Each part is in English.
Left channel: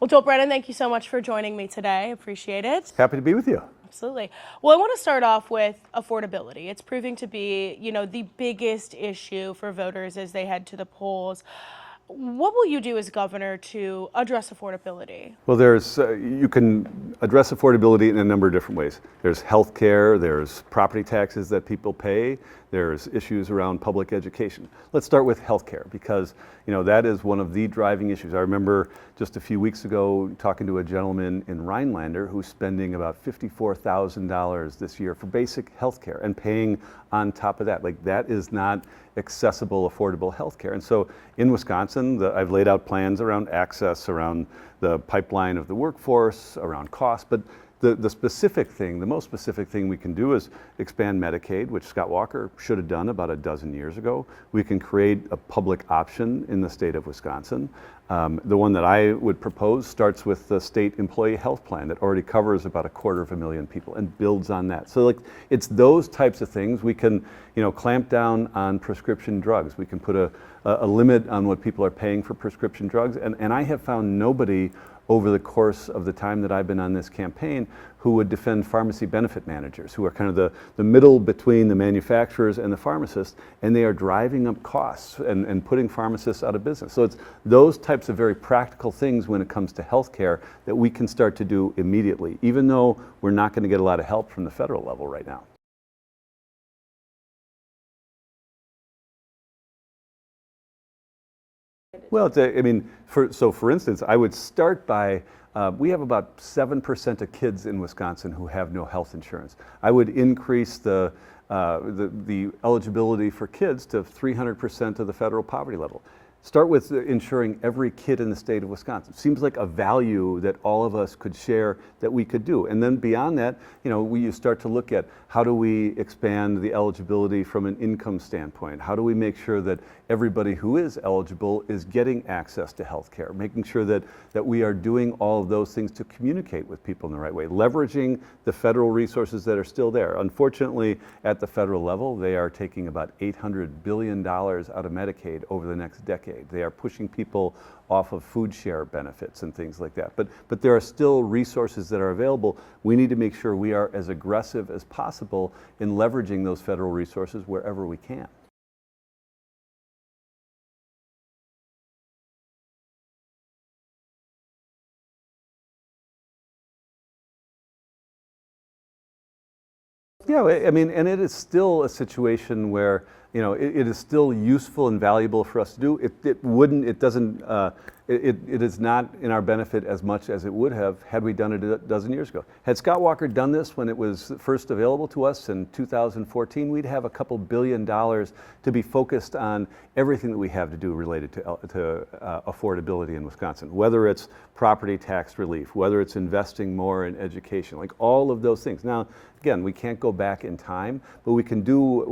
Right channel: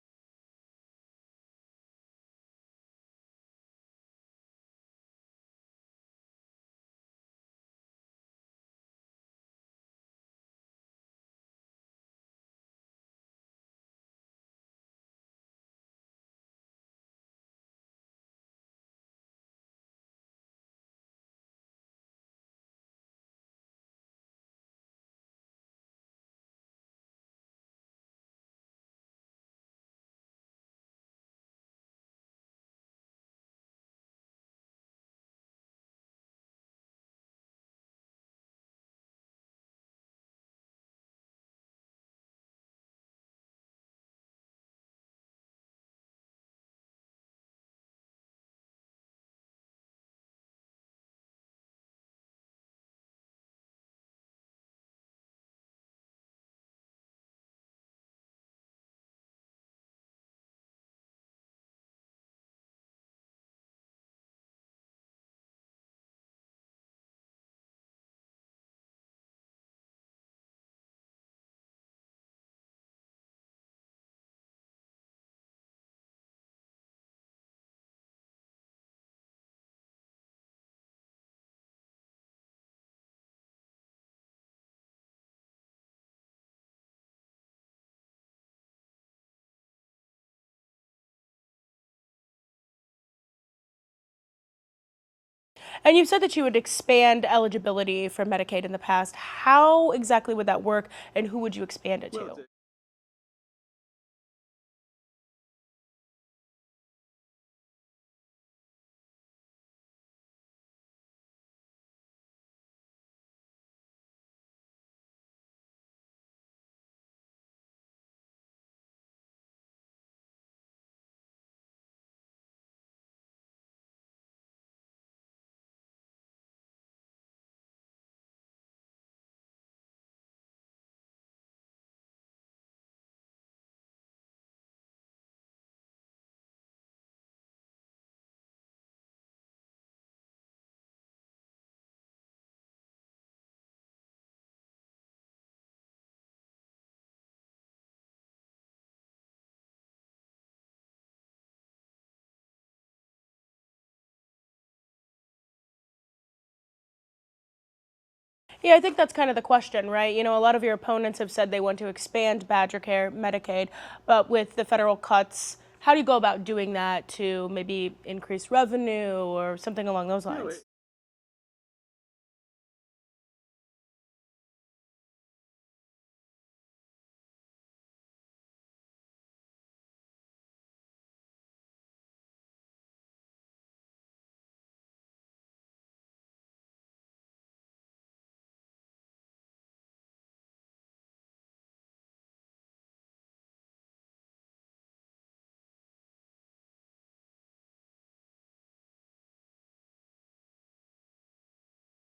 Well, Joel Brennan, thank you so much for joining me today. Appreciate it. Happy to be with you. Absolutely. Well, I want to start off with affordability. It's proving to be, the biggest issue for voters as they head to the polls. What will you do as governor to address affordability? Well, you can address affordability in a number of different ways. There's health care, there's property taxes that people pay, there's issues around public education. Let's start with health care because that is one of the driving issues. I remember just a few weeks ago talking to a gentleman in Rhinelander who's spending about $54,000 this year for basic health care and paying on top of that. Like that is not accessible, affordable health care. And so in Wisconsin, I've laid out plans around access, around the pipeline of the workforce, around cost, but the most specific thing we can do is expand Medicaid, which Scott Walker should have done about a dozen years ago. We can create a public option in the state of Wisconsin. The one that I would propose starts with the state employee health plan that already covers about 250,000 people and builds on that. So it's those types of things. We can clamp down on prescription drugs. We can put a limit on what people are paying for prescription drugs. And I have found nobody over the course of the time that I've been on this campaign who would defend pharmacy benefit managers, who are kind of the middle between the manufacturers and the pharmacists, and they are driving up costs and putting pharmacists out of business. So it's those types of very practical things when it comes to healthcare that we can start to do immediately, even though we're not going to get a lot of help from the federal level right now. And you said that you would expand eligibility for Medicaid in the past. How exactly would that work, and who would you expand it to? Well, for instance, I would start by, we have about 7% of kids in Wisconsin who have no health insurance. I would increase the eligibility for kids to 300% of the federal poverty level. Start with ensuring every kid in the state of Wisconsin. Seems like a value that all of us could share that we could do. And then beyond that, you start to look at how do we expand the eligibility from an income standpoint? How do we make sure that everybody who is eligible is getting access to health care? Making sure that we are doing all of those things to communicate with people in the right way, leveraging the federal resources that are still there. Unfortunately, at the federal level, they are taking about $800 billion out of Medicaid over the next decade. They are pushing people off of food share benefits and things like that. But there are still resources that are available. We need to make sure we are as aggressive as possible in leveraging those federal resources wherever we can. Yeah, I think that's kind of the question, right? A lot of your opponents have said they want to expand Badger Care, Medicaid, but with the federal cuts, how do you go about doing that to maybe increase revenue or something along those lines? Yeah, and it is still a situation where it is still useful and valuable for us to do. It is not in our benefit as much as it would have had we done it a dozen years ago. Had Scott Walker done this when it was first available to us in 2014, we'd have a couple $2 billion to be focused on everything that we have to do related to affordability in Wisconsin, whether it's property tax relief, whether it's investing more in education, like all of those things. Now, again, we can't go back in time, but we can do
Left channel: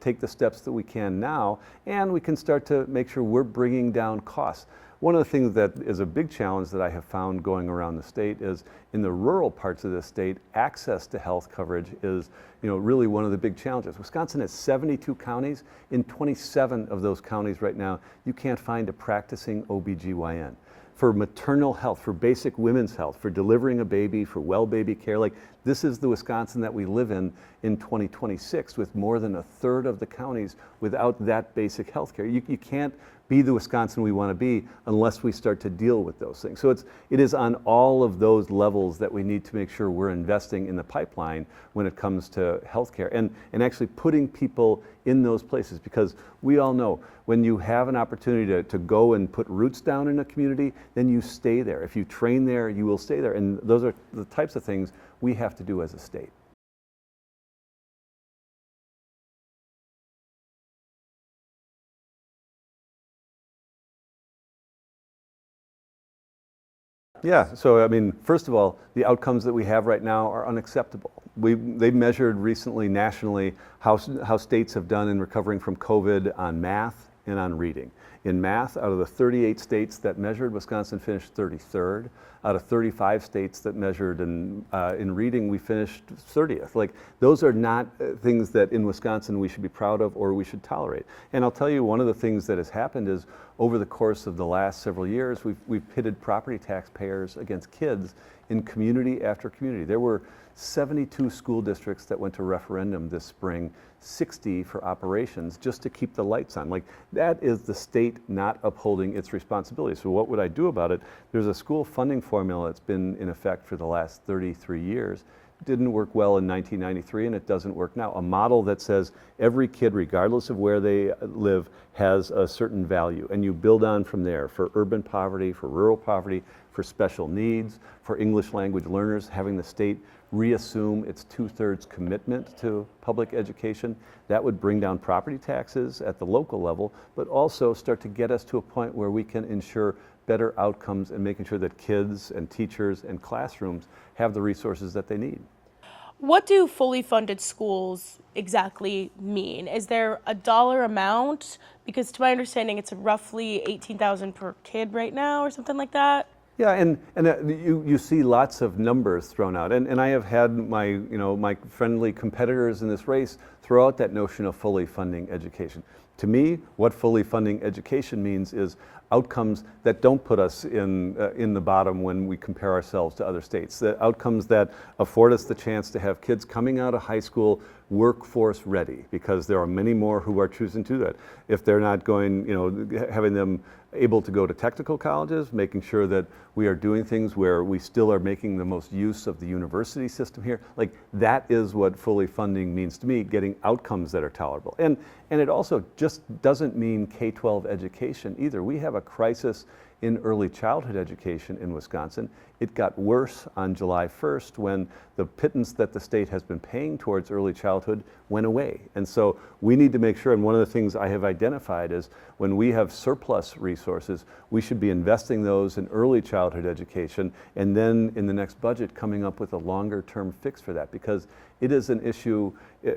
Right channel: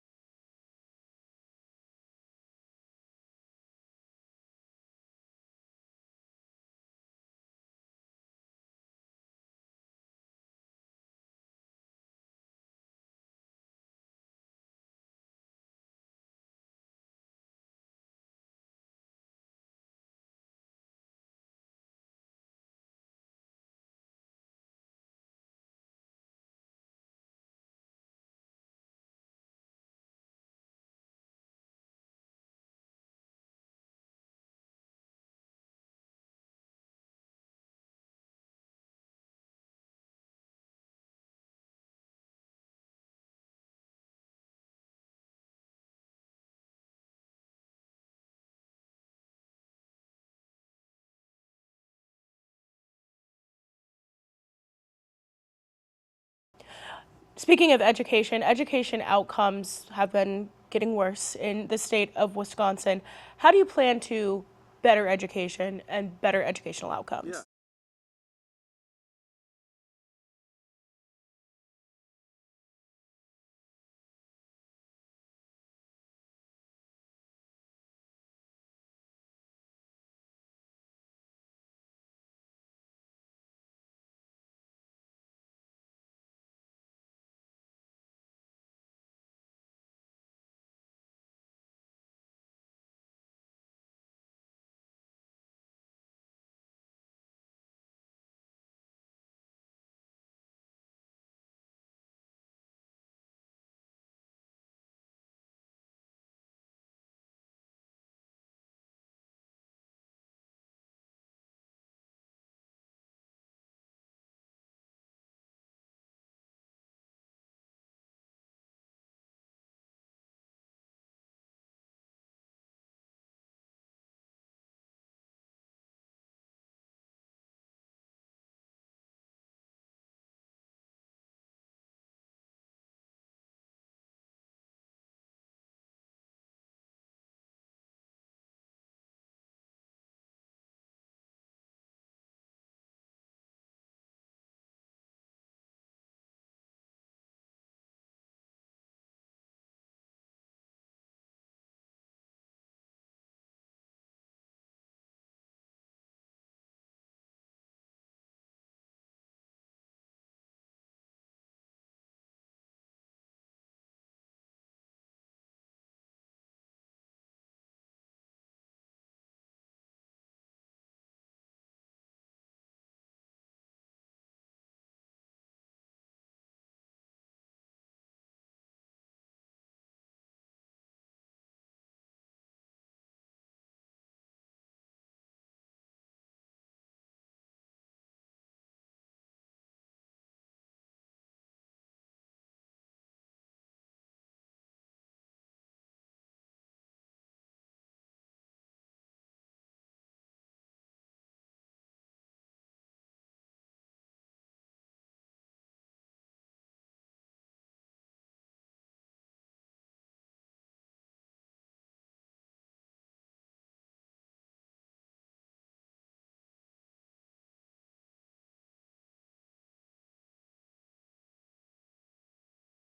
take the steps that we can now, and we can start to make sure we're bringing down costs. One of the things that is a big challenge that I have found going around the state is in the rural parts of the state, access to health coverage is really one of the big challenges. Wisconsin has 72 counties. In 27 of those counties right now, you can't find a practicing OBGYN. For maternal health, for basic women's health, for delivering a baby, for well baby care, this is the Wisconsin that we live in 2026 with more than a third of the counties without that basic health care. You can't be the Wisconsin we want to be unless we start to deal with those things. So it is on all of those levels that we need to make sure we're investing in the pipeline when it comes to healthcare and actually putting people in those places, because we all know when you have an opportunity to go and put roots down in a community, then you stay there. If you train there, you will stay there. And those are the types of things we have to do as a state. Speaking of education outcomes have been getting worse in the state of Wisconsin. How do you plan to better education and better educational outcomes? Yeah, so first of all, the outcomes that we have right now are unacceptable. They measured recently nationally how states have done in recovering from COVID on math and on reading. In math, out of the 38 states that measured, Wisconsin finished 33rd. Out of 35 states that measured in reading, we finished 30th. Like, those are not things that in Wisconsin we should be proud of or we should tolerate. And I'll tell you, one of the things that has happened is over the course of the last several years, we've pitted property taxpayers against kids in community after community. There were 72 school districts that went to referendum this spring, 60 for operations, just to keep the lights on. Like, that is the state not upholding its responsibility. So what would I do about it? There's a school funding formula that's been in effect for the last 33 years. Didn't work well in 1993, and it doesn't work now. A model that says every kid, regardless of where they live, has a certain value, and you build on from there for urban poverty, for rural poverty, for special needs, for English language learners, having the state reassume its 2/3 commitment to public education. That would bring down property taxes at the local level, but also start to get us to a point where we can ensure better outcomes and making sure that kids and teachers and classrooms have the resources that they need. What do fully funded schools exactly mean? Is there a dollar amount? Because to my understanding, it's roughly $18,000 per kid right now or something like that. Yeah, and you see lots of numbers thrown out, and I have had my friendly competitors in this race throw out that notion of fully funding education. To me, what fully funding education means is outcomes that don't put us in the bottom when we compare ourselves to other states. The outcomes that afford us the chance to have kids coming out of high school workforce ready, because there are many more who are choosing to do that. If they're not going, having them able to go to technical colleges, making sure that we are doing things where we still are making the most use of the university system here. Like, that is what fully funding means to me, getting outcomes that are tolerable. And it also just doesn't mean K-12 education either. We have a crisis in early childhood education in Wisconsin. It got worse on July 1st when the pittance that the state has been paying towards early childhood went away. And so we need to make sure, and one of the things I have identified is when we have surplus resources, we should be investing those in early childhood education, and then in the next budget coming up with a longer term fix for that, because it is an issue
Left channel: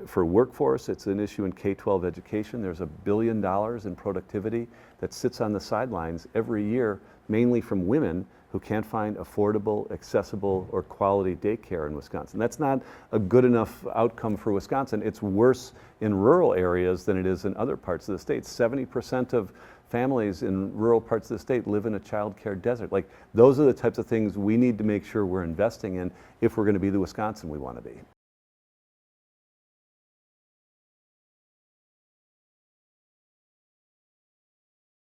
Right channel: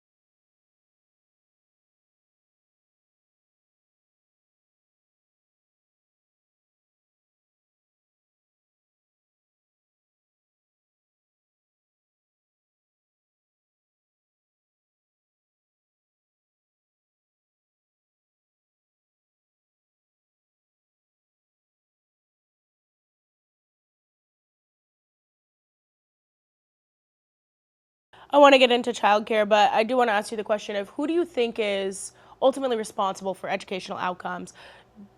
for workforce, it's an issue in K-12 education. There's $1 billion in productivity that sits on the sidelines every year, mainly from women who can't find affordable, accessible, or quality daycare in Wisconsin. That's not a good enough outcome for Wisconsin. It's worse in rural areas than it is in other parts of the state. 70% of families in rural parts of the state live in a child care desert. Like, those are the types of things we need to make sure we're investing in if we're going to be the Wisconsin we want to be. I want to get into childcare, but I do want to ask you the question of who do you think is ultimately responsible for educational outcomes?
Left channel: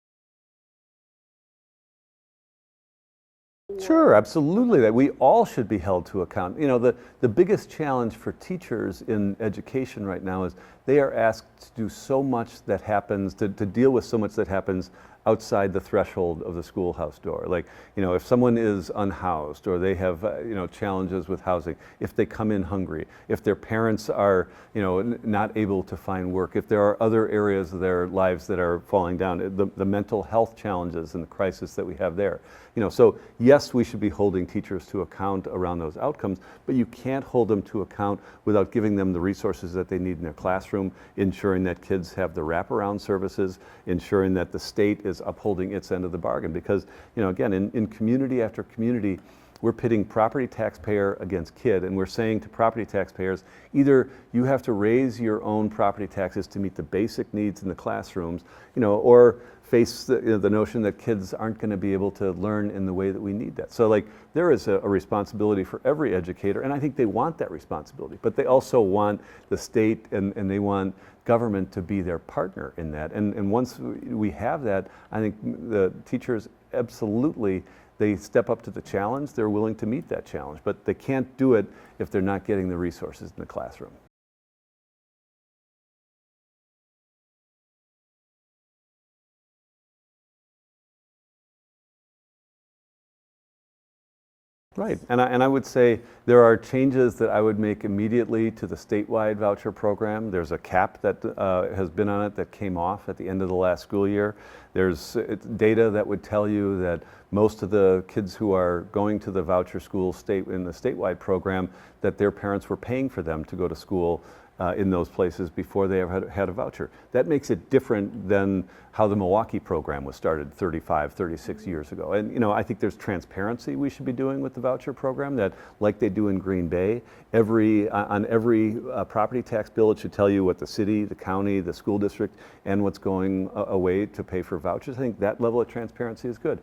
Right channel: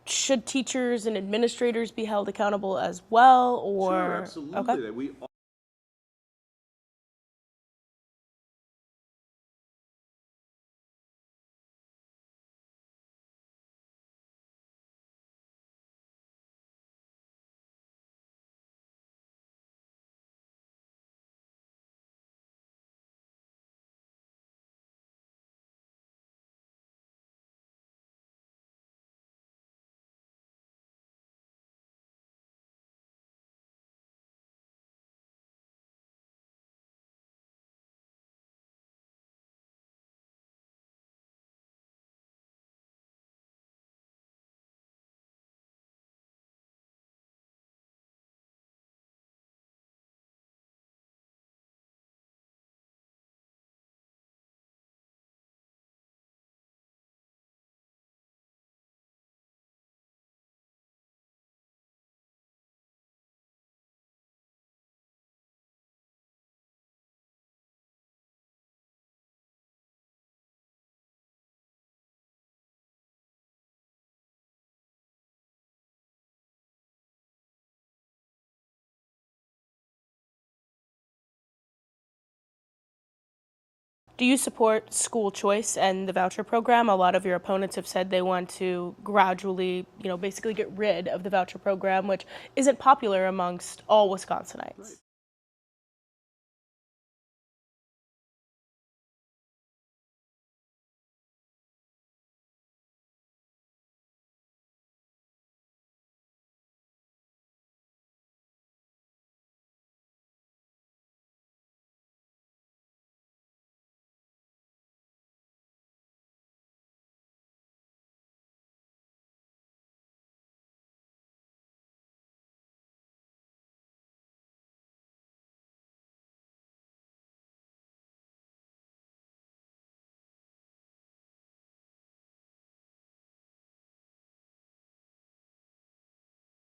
Should teachers and administrators be held accountable as well? Or Sure, absolutely. Okay. That we all should be held to account. The biggest challenge for teachers in education right now is they are asked to do so much that happens, to deal with so much that happens outside the threshold of the schoolhouse door. Like, if someone is unhoused or they have, challenges with housing, if they come in hungry, if their parents are, not able to find work, if there are other areas of their lives that are falling down, the mental health challenges and the crisis that we have there. So yes, we should be holding teachers to account around those outcomes, but you can't hold them to account without giving them the resources that they need in their classroom, ensuring that kids have the wraparound services, ensuring that the state is upholding its end of the bargain. Because, again, in community after community, we're pitting property taxpayer against kid, and we're saying to property taxpayers, either you have to raise your own property taxes to meet the basic needs in the classrooms, or face the notion that kids aren't going to be able to learn in the way that we need that. So, like, there is a responsibility for every educator, and I think they want that responsibility, but they also want the state and they want government to be their partner in that. And once we have that, I think the teachers absolutely, they step up to the challenge. They're willing to meet that challenge, but they can't do it if they're not getting the resources in the classroom. Do you support school choice and the voucher program? A lot of your opponents have said they want to gradually, basically get rid of the voucher program, which isn't popular amongst all Wisconsinites. Right, and I would say there are changes that I would make immediately to the statewide voucher program. There's a cap that has been on it that came off at the end of the last school year. There's data that would tell you that most of the kids who are going to the voucher school in the statewide program, that their parents were paying for them to go to school in those places before they ever had a voucher. That makes it different than how the Milwaukee program was started 35, 36 years ago. And I think there's transparency we should be doing with the voucher program, that like they do in Green Bay, on every property tax bill, it should tell you what the city, the county, the school district, and what's going away to pay for vouchers. I think that level of transparency is good.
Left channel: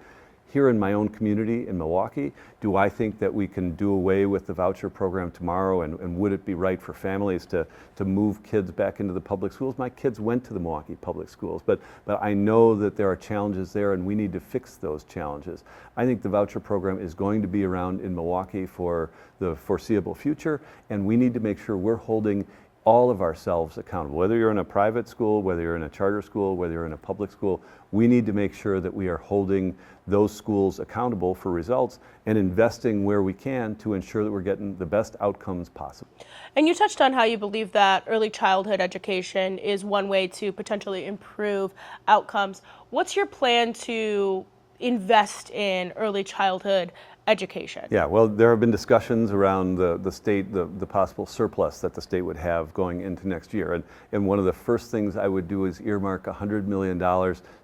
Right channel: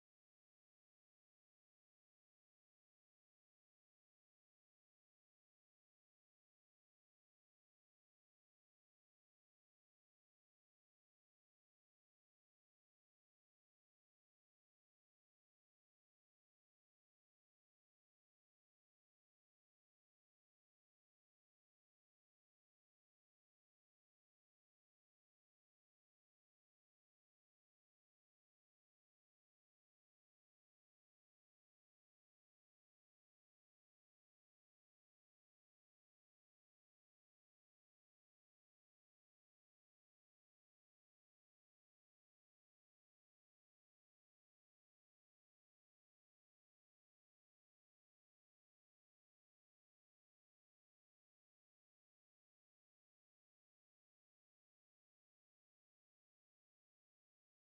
Here in my own community in Milwaukee, do I think that we can do away with the voucher program tomorrow, and would it be right for families to move kids back into the public schools? My kids went to the Milwaukee public schools, but I know that there are challenges there, and we need to fix those challenges. I think the voucher program is going to be around in Milwaukee for the foreseeable future, and we need to make sure we're holding all of ourselves accountable. Whether you're in a private school, whether you're in a charter school, whether you're in a public school, we need to make sure that we are holding those schools accountable for results and investing where we can to ensure that we're getting the best outcomes possible. And you touched on how you believe that early childhood education is one way to potentially improve outcomes. What's your plan to invest in early childhood education? Yeah, well, there have been discussions around the state, the possible surplus that the state would have going into next year. And one of the first things I would do is earmark $100 million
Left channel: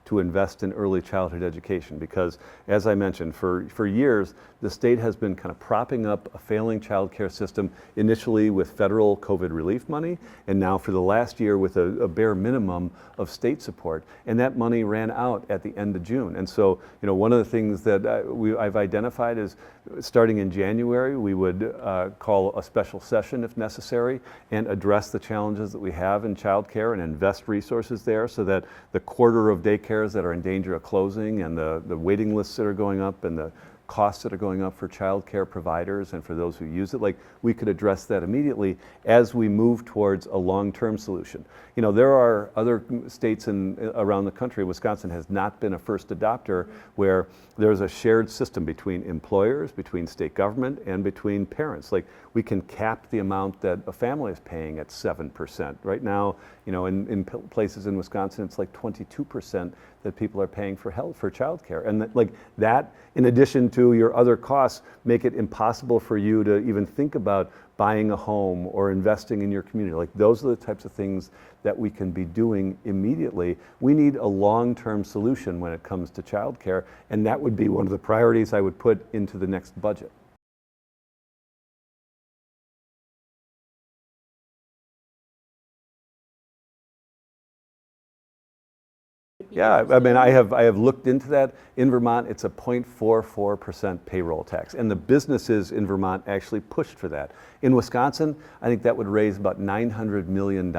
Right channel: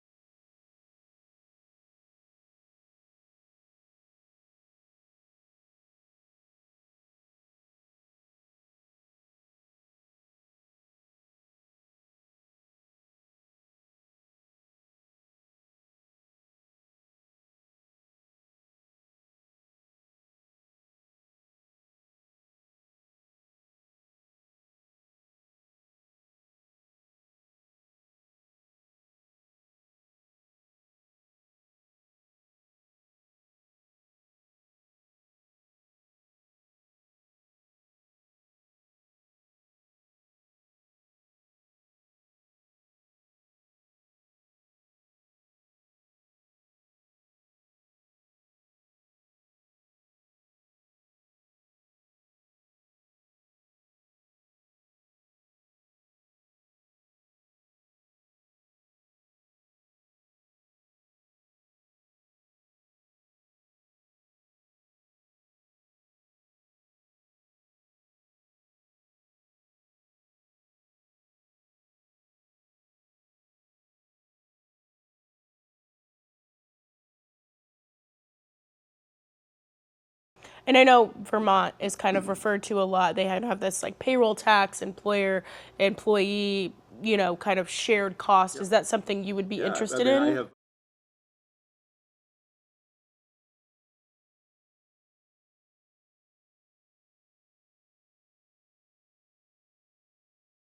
to invest in early childhood education, because, as I mentioned, for years, the state has been kind of propping up a failing child care system, initially with federal COVID relief money, and now for the last year with a bare minimum of state support. And that money ran out at the end of June. And so, one of the things that I've identified is, starting in January, we would call a special session if necessary and address the challenges that we have in child care and invest resources there, so that the quarter of daycares that are in danger of closing, and the waiting lists that are going up, and the costs that are going up for child care providers and for those who use it, we could address that immediately as we move towards a long-term solution. There are other states around the country. Wisconsin has not been a first adopter, where there's a shared system between employers, between state government, and between parents. We can cap the amount that a family is paying at 7%. Right now, in places in Wisconsin, it's like 22% that people are paying for childcare. And that, in addition to your other costs, make it impossible for you to even think about buying a home or investing in your community. Those are the types of things that we can be doing immediately. We need a long-term solution when it comes to childcare, and that would be one of the priorities I would put into the next budget. And I know Vermont is kind of referred to a lot. They have this payroll tax, employee, kind of shared cost. Is that something you would be interested in? I have looked into that. In Vermont, it's a 0.44% payroll tax, and the businesses in Vermont actually pushed for that. In Wisconsin, I think that would raise about $900 million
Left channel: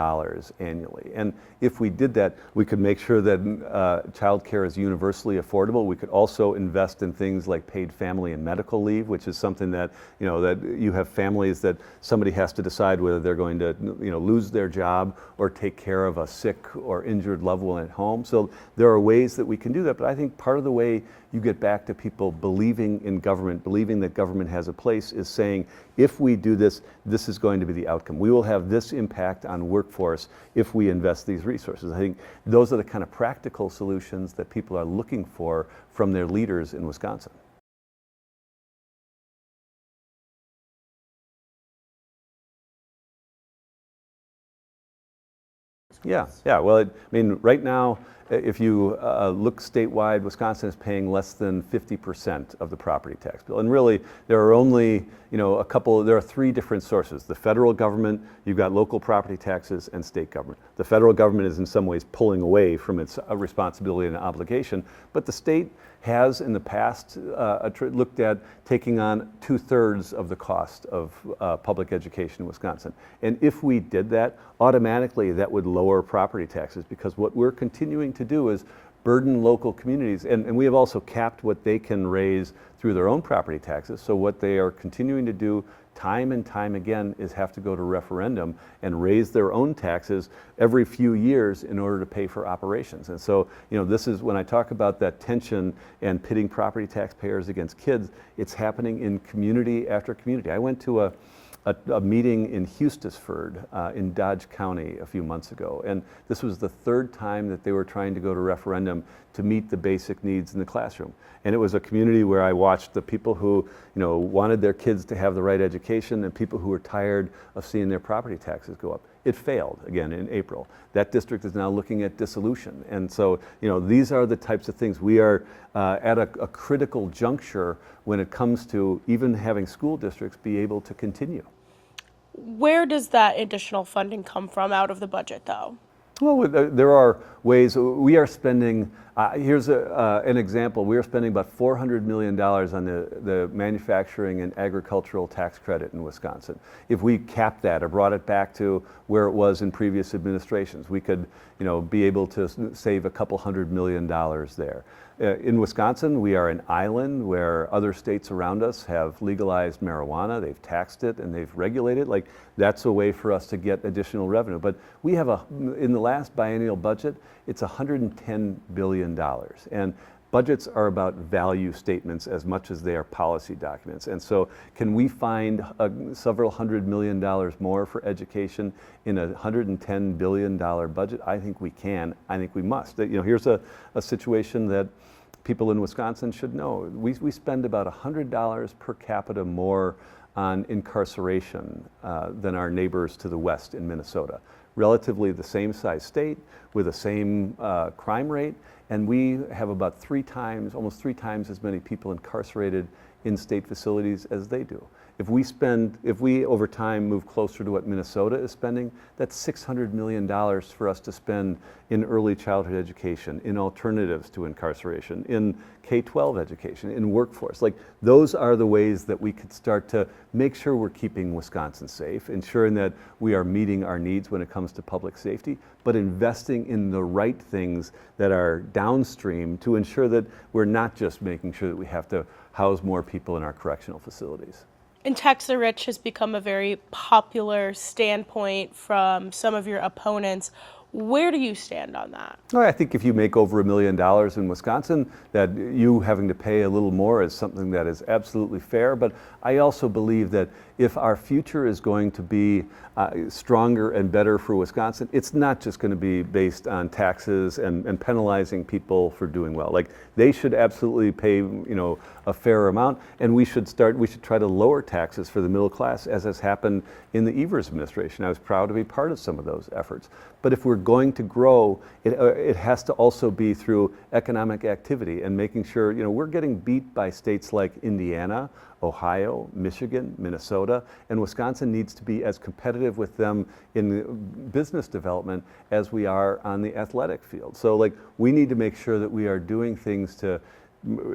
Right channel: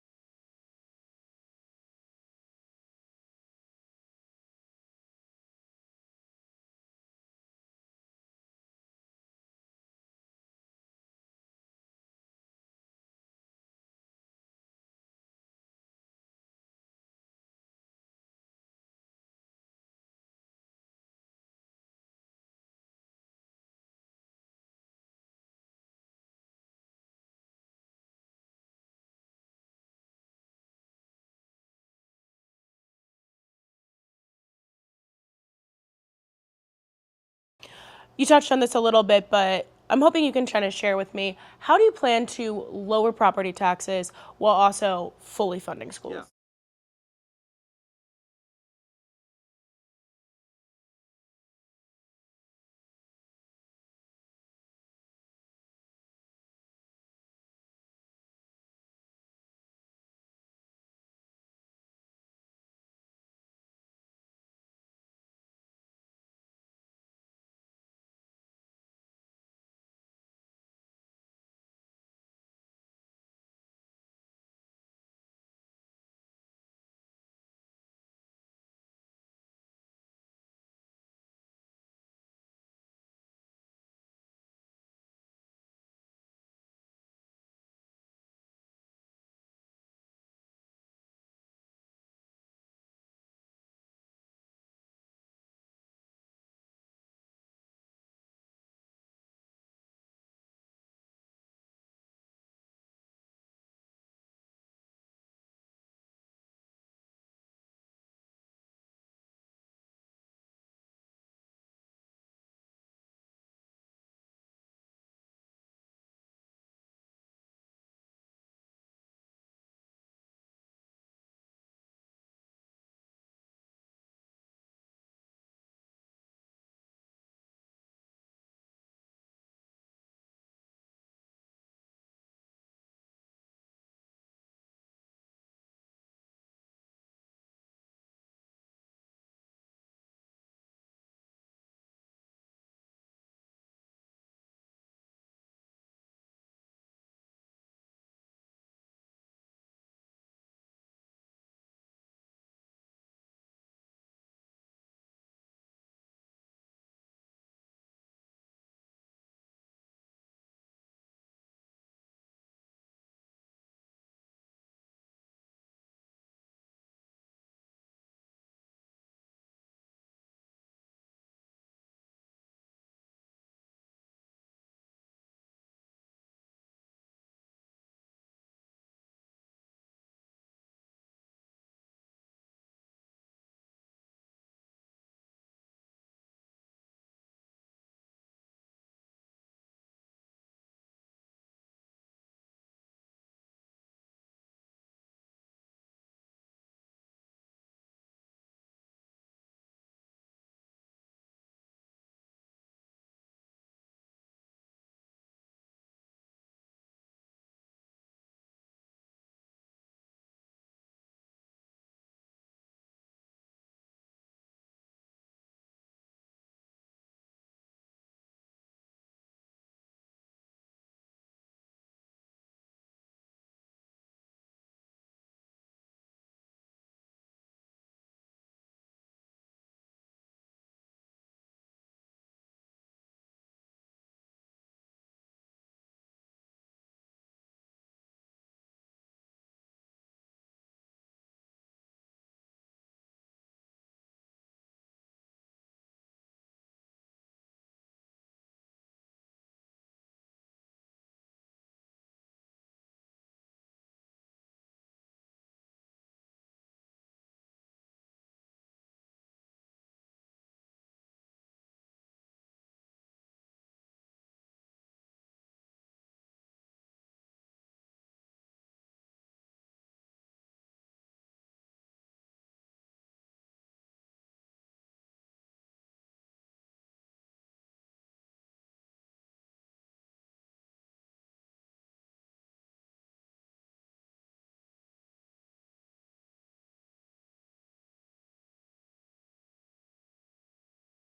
annually. And if we did that, we could make sure that child care is universally affordable. We could also invest in things like paid family and medical leave, which is something that, that you have families that somebody has to decide whether they're going to, lose their job or take care of a sick or injured loved one at home. So there are ways that we can do that. But I think part of the way you get back to people believing in government, believing that government has a place, is saying, if we do this, this is going to be the outcome. We will have this impact on workforce if we invest these resources. I think those are the kind of practical solutions that people are looking for from their leaders in Wisconsin. You touched on this a little bit, but I'm hoping you can try to share with me, how do you plan to lower property taxes while also fully funding schools? Yeah. Well, right now, if you look statewide, Wisconsin is paying less than 50% of the property tax bill. And really, there are only, there are three different sources. The federal government, you've got local property taxes, and state government. The federal government is in some ways pulling away from its responsibility and obligation, but the state has in the past looked at taking on 2/3 of the cost of public education in Wisconsin. And if we did that, automatically that would lower property taxes, because what we're continuing to do is burden local communities, and we have also capped what they can raise through their own property taxes. So what they are continuing to do time and time again is have to go to referendum and raise their own taxes every few years in order to pay for operations. And so, this is when I talk about that tension and pitting property taxpayers against kids, it's happening in community after community. I went to a meeting in Hustisford in Dodge County a few months ago, and this was the third time that they were trying to go to referendum to meet the basic needs in the classroom. And it was a community where I watched the people who, wanted their kids to have the right education and people who were tired of seeing their property taxes go up. It failed again in April. That district is now looking at dissolution. And so, these are the types of things. We are at a critical juncture when it comes to even having school districts be able to continue. Where does that additional funding come from out of the budget, though? Well, there are ways. We are spending, here's an example. We are spending about $400 million on the manufacturing and agricultural tax credit in Wisconsin. If we capped that or brought it back to where it was in previous administrations, we could be able to save a couple $100 million there. In Wisconsin, we are an island where other states around us have legalized marijuana, they've taxed it and they've regulated. Like, that's a way for us to get additional revenue. But we have in the last biennial budget, it's $110 billion. And budgets are about value statements as much as they are policy documents. And so can we find several $100 million more for education in a $110 billion budget? I think we can. I think we must. Here's a situation that people in Wisconsin should know. We spend about $100 per capita more on incarceration than our neighbors to the west in Minnesota. Relatively the same size state with the same crime rate, and we have about almost three times as many people incarcerated in state facilities as they do. If we over time move closer to what Minnesota is spending, that's $600 million for us to spend in early childhood education, in alternatives to incarceration, in K-12 education, in workforce. Like, those are the ways that we could start to make sure we're keeping Wisconsin safe, ensuring that we are meeting our needs when it comes to public safety, but investing in the right things that are downstream to ensure that we're not just making sure that we have to house more people in our correctional facilities. And tax the rich has become a very popular standpoint from some of your opponents. Where do you stand on that? Well, I think if you make over $1 million in Wisconsin, that you having to pay a little more is something that is absolutely fair. But I also believe that if our future is going to be stronger and better for Wisconsin, it's not just going to be based on taxes and penalizing people for doing well. Like, they should absolutely pay, a fair amount, and we should try to lower taxes for the middle class, as has happened in the Evers administration. I was proud to be part of some of those efforts. But if we're going to grow, it has to also be through economic activity and making sure, we're getting beat by states like Indiana, Ohio, Michigan, Minnesota, and Wisconsin needs to be as competitive with them in business development as we are on the athletic field. So, we need to make sure that we are doing things to,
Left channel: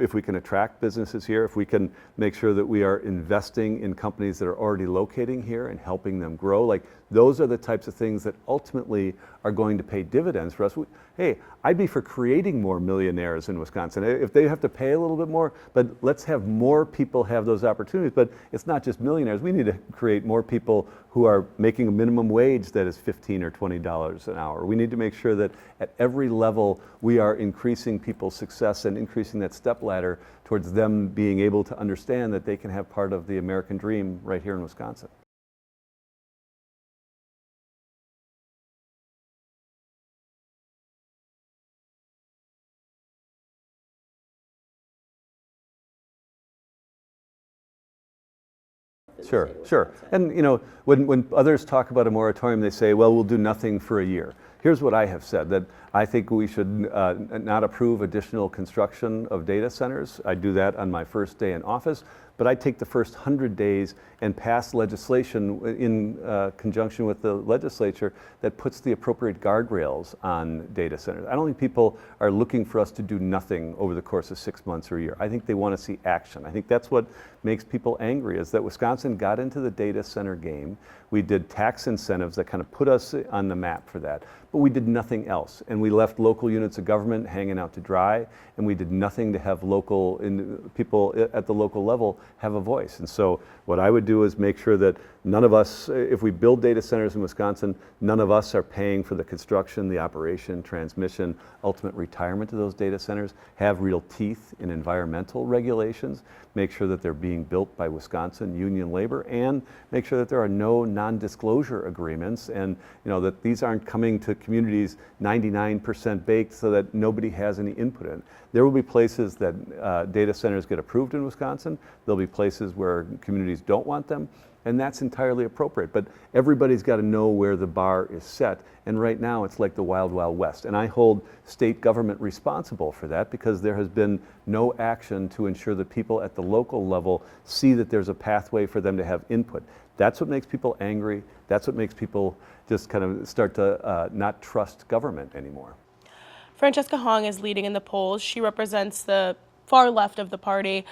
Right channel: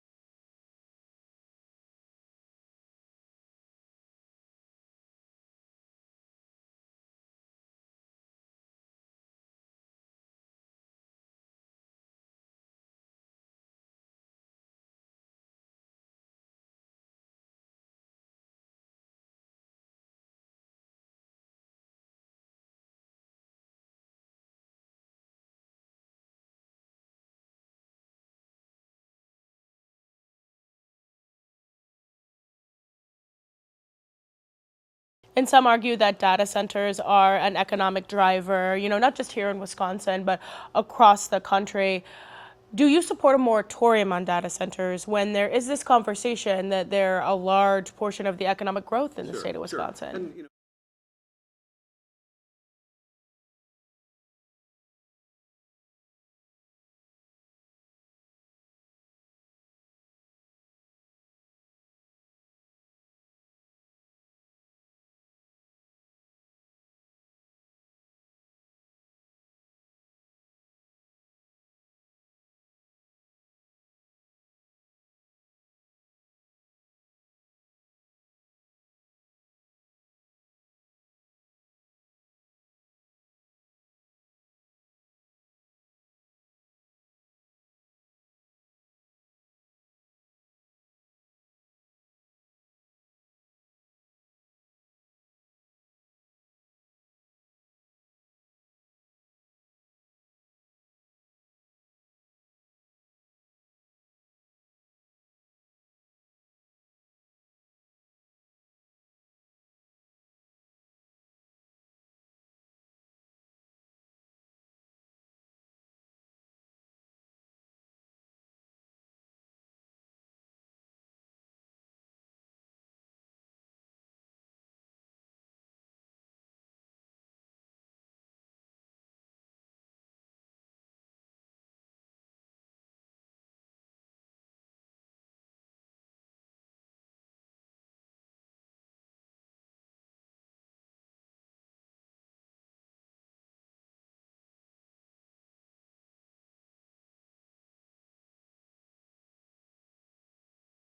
if we can attract businesses here, if we can make sure that we are investing in companies that are already locating here and helping them grow, those are the types of things that ultimately are going to pay dividends for us. Hey, I'd be for creating more millionaires in Wisconsin. If they have to pay a little bit more, but let's have more people have those opportunities. But it's not just millionaires. We need to create more people who are making a minimum wage that is $15 or $20 an hour. We need to make sure that at every level we are increasing people's success and increasing that step ladder towards them being able to understand that they can have part of the American dream right here in Wisconsin. And some argue that data centers are an economic driver, not just here in Wisconsin, but across the country. Do you support a moratorium on data centers when there is this conversation that they're a large portion of the economic growth in the state of Wisconsin? Sure. And when others talk about a moratorium, they say, well, we'll do nothing for a year. Here's what I have said, that I think we should not approve additional construction of data centers. I do that on my first day in office, but I take the first 100 days and pass legislation in conjunction with the legislature that puts the appropriate guardrails on data centers. I don't think people are looking for us to do nothing over the course of 6 months or a year. I think they want to see action. I think that's what makes people angry, is that Wisconsin got into the data center game. We did tax incentives that kind of put us on the map for that, but we did nothing else. And we left local units of government hanging out to dry, and we did nothing to have people at the local level have a voice. And so what I would do is make sure that none of us, if we build data centers in Wisconsin, none of us are paying for the construction, the operation, transmission, ultimate retirement of those data centers, have real teeth in environmental regulations, make sure that they're being built by Wisconsin union labor, and make sure that there are no non-disclosure agreements, and that these aren't coming to communities 99% baked so that nobody has any input in. There will be places that data centers get approved in Wisconsin. There'll be places where communities don't want them, and that's entirely appropriate. But everybody's got to know where the bar is set, and right now it's like the wild, wild west. And I hold state government responsible for that, because there has been no action to ensure that people at the local level see that there's a pathway for them to have input. That's what makes people angry. That's what makes people just kind of start to not trust government anymore. Francesca Hong is leading in the polls. She represents the far left of the party.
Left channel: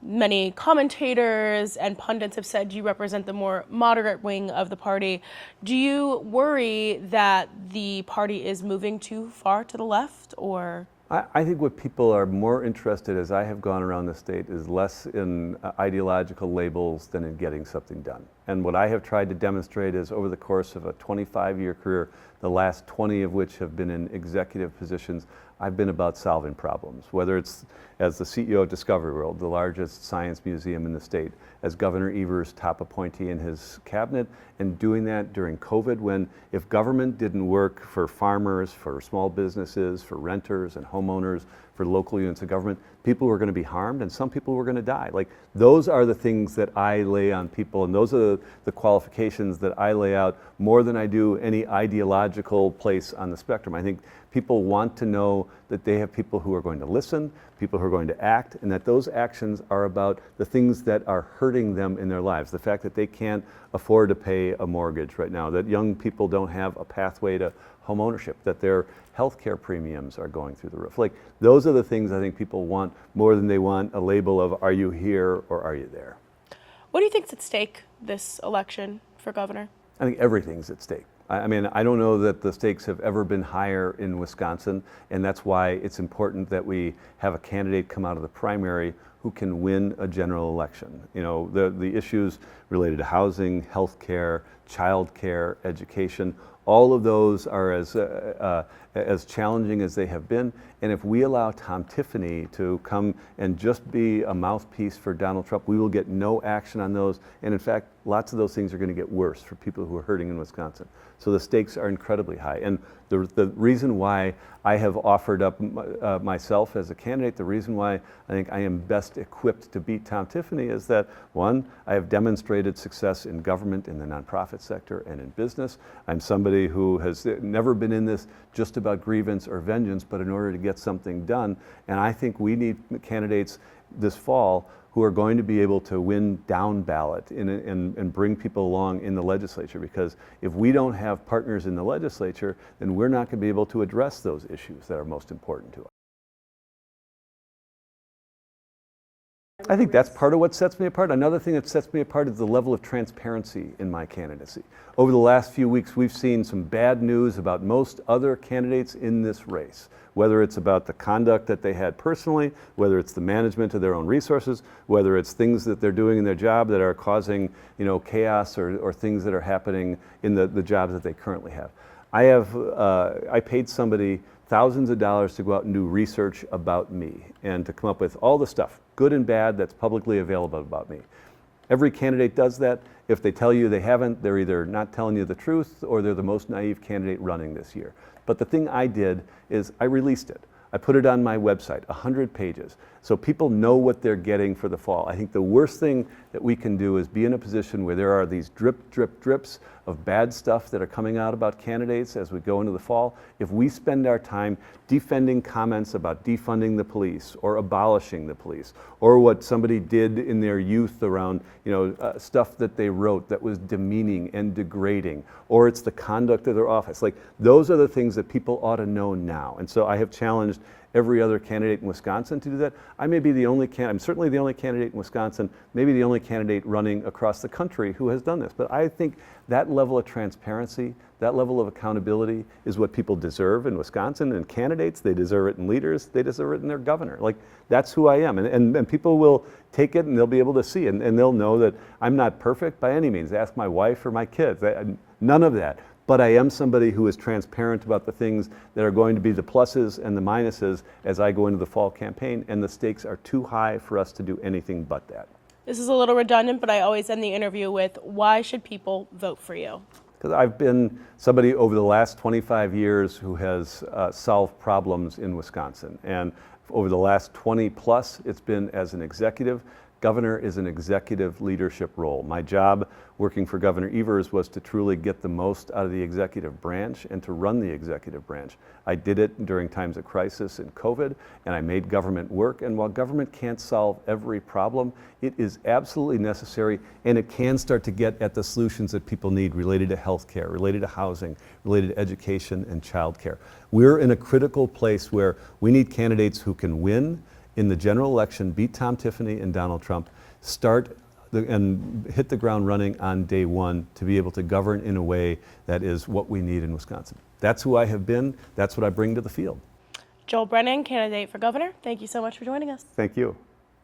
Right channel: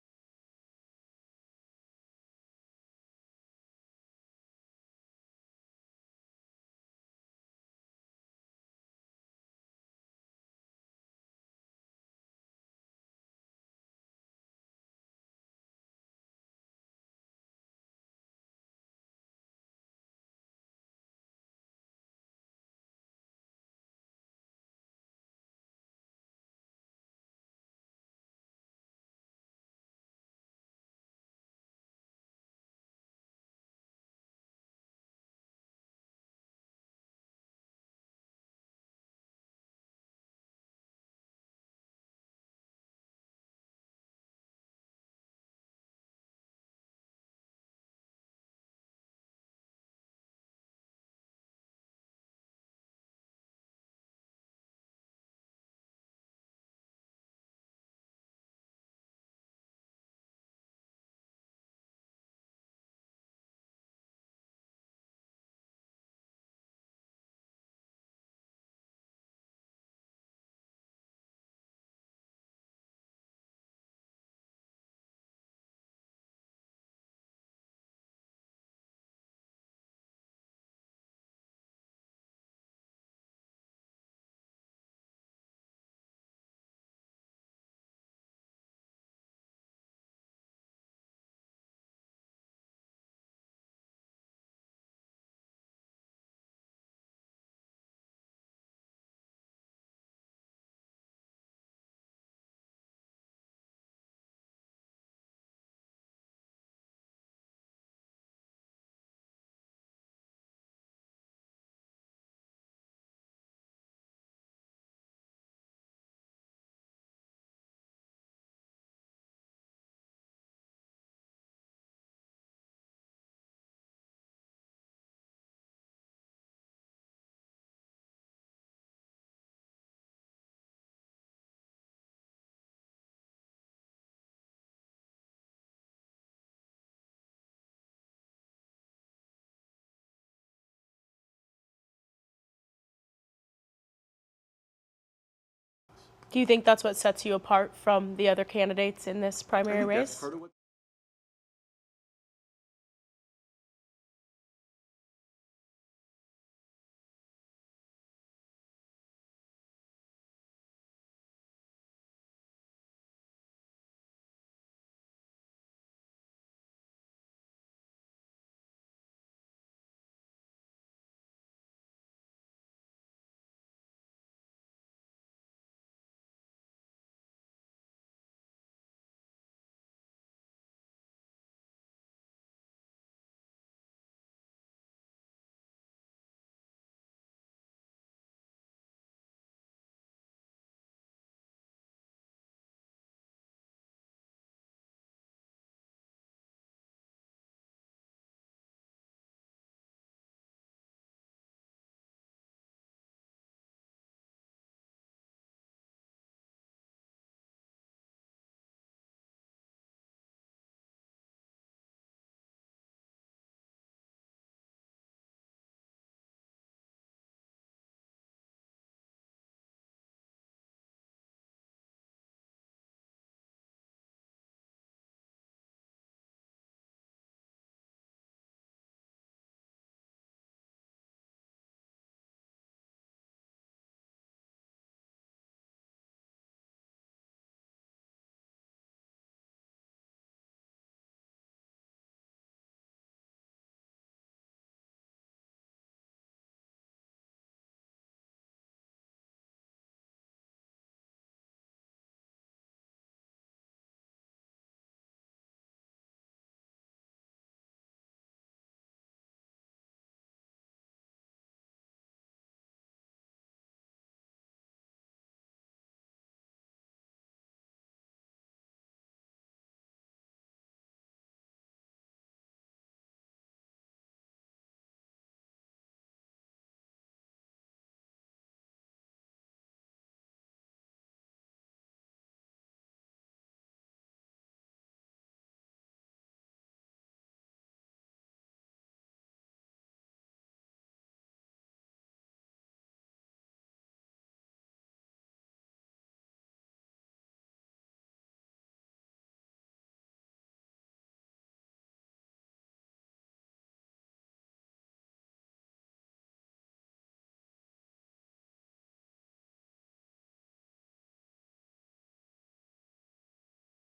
Many commentators and pundits have said you represent the more moderate wing of the party. Do you worry that the party is moving too far to the left, or? I think what people are more interested, as I have gone around the state, is less in ideological labels than in getting something done. And what I have tried to demonstrate is, over the course of a 25-year career, the last 20 of which have been in executive positions, I've been about solving problems, whether it's as the CEO of Discovery World, the largest science museum in the state, as Governor Evers' top appointee in his cabinet, and doing that during COVID, when if government didn't work for farmers, for small businesses, for renters and homeowners, for local units of government, people were going to be harmed, and some people were going to die. Like, those are the things that I lay on people, and those are the qualifications that I lay out more than I do any ideological place on the spectrum. I think people want to know that they have people who are going to listen, people who are going to act, and that those actions are about the things that are hurting them in their lives. The fact that they can't afford to pay a mortgage right now, that young people don't have a pathway to home ownership, that their healthcare premiums are going through the roof. Like, those are the things I think people want more than they want a label of, are you here or are you there? What do you think's at stake this election for governor? I think everything's at stake. I mean, I don't know that the stakes have ever been higher in Wisconsin, and that's why it's important that we have a candidate come out of the primary who can win a general election. The issues related to housing, health care, child care, education, all of those are as challenging as they have been. And if we allow Tom Tiffany to come and just be a mouthpiece for Donald Trump, we will get no action on those. And in fact, lots of those things are going to get worse for people who are hurting in Wisconsin. So the stakes are incredibly high. And the reason why I have offered up myself as a candidate, the reason why I think I am best equipped to beat Tom Tiffany is that, one, I have demonstrated success in government, in the nonprofit sector, and in business. I'm somebody who has never been in this just about grievance or vengeance, but in order to get something done. And I think we need candidates this fall who are going to be able to win down ballot and bring people along in the legislature, because if we don't have partners in the legislature, then we're not going to be able to address those issues that are most important to us. Do you think that's what sets you apart from the other candidates in this primary race? I think that's part of what sets me apart. Another thing that sets me apart is the level of transparency in my candidacy. Over the last few weeks, we've seen some bad news about most other candidates in this race, whether it's about the conduct that they had personally, whether it's the management of their own resources, whether it's things that they're doing in their job that are causing chaos or things that are happening in the jobs that they currently have. I paid somebody thousands of dollars to go out and do research about me and to come up with all the stuff, good and bad, that's publicly available about me. Every candidate does that. If they tell you they haven't, they're either not telling you the truth or they're the most naive candidate running this year. But the thing I did is I released it. I put it on my website, 100 pages, so people know what they're getting for the fall. I think the worst thing that we can do is be in a position where there are these drips of bad stuff that are coming out about candidates as we go into the fall. If we spend our time defending comments about defunding the police or abolishing the police, or what somebody did in their youth around stuff that they wrote that was demeaning and degrading, or it's the conduct of their office, like, those are the things that people ought to know now. And so I have challenged every other candidate in Wisconsin to do that. I may be the only candidate, I'm certainly the only candidate in Wisconsin, maybe the only candidate running across the country who has done this. But I think that level of transparency, that level of accountability is what people deserve in Wisconsin, and candidates, they deserve it in leaders, they deserve it in their governor. Like, that's who I am. And people will take it and they'll be able to see, and they'll know that I'm not perfect by any means. Ask my wife or my kids, none of that. but I am somebody who is transparent about the things that are going to be the pluses and the minuses as I go into the fall campaign, and the stakes are too high for us to do anything but that. This is a little redundant, but I always end the interview with, why should people vote for you? Because I've been somebody over the last 25 years who has solved problems in Wisconsin. And over the last 20 plus, it's been as an executive. Governor is an executive leadership role. My job working for Governor Evers was to truly get the most out of the executive branch and to run the executive branch. I did it during times of crisis and COVID, and I made government work. And while government can't solve every problem, it is absolutely necessary, and it can start to get at the solutions that people need related to healthcare, related to housing, related to education and childcare. We're in a critical place where we need candidates who can win in the general election, beat Tom Tiffany and Donald Trump, and hit the ground running on day one to be able to govern in a way that is what we need in Wisconsin. That's who I have been. That's what I bring to the field. Joel Brennan, candidate for governor, thank you so much for joining us. Thank you.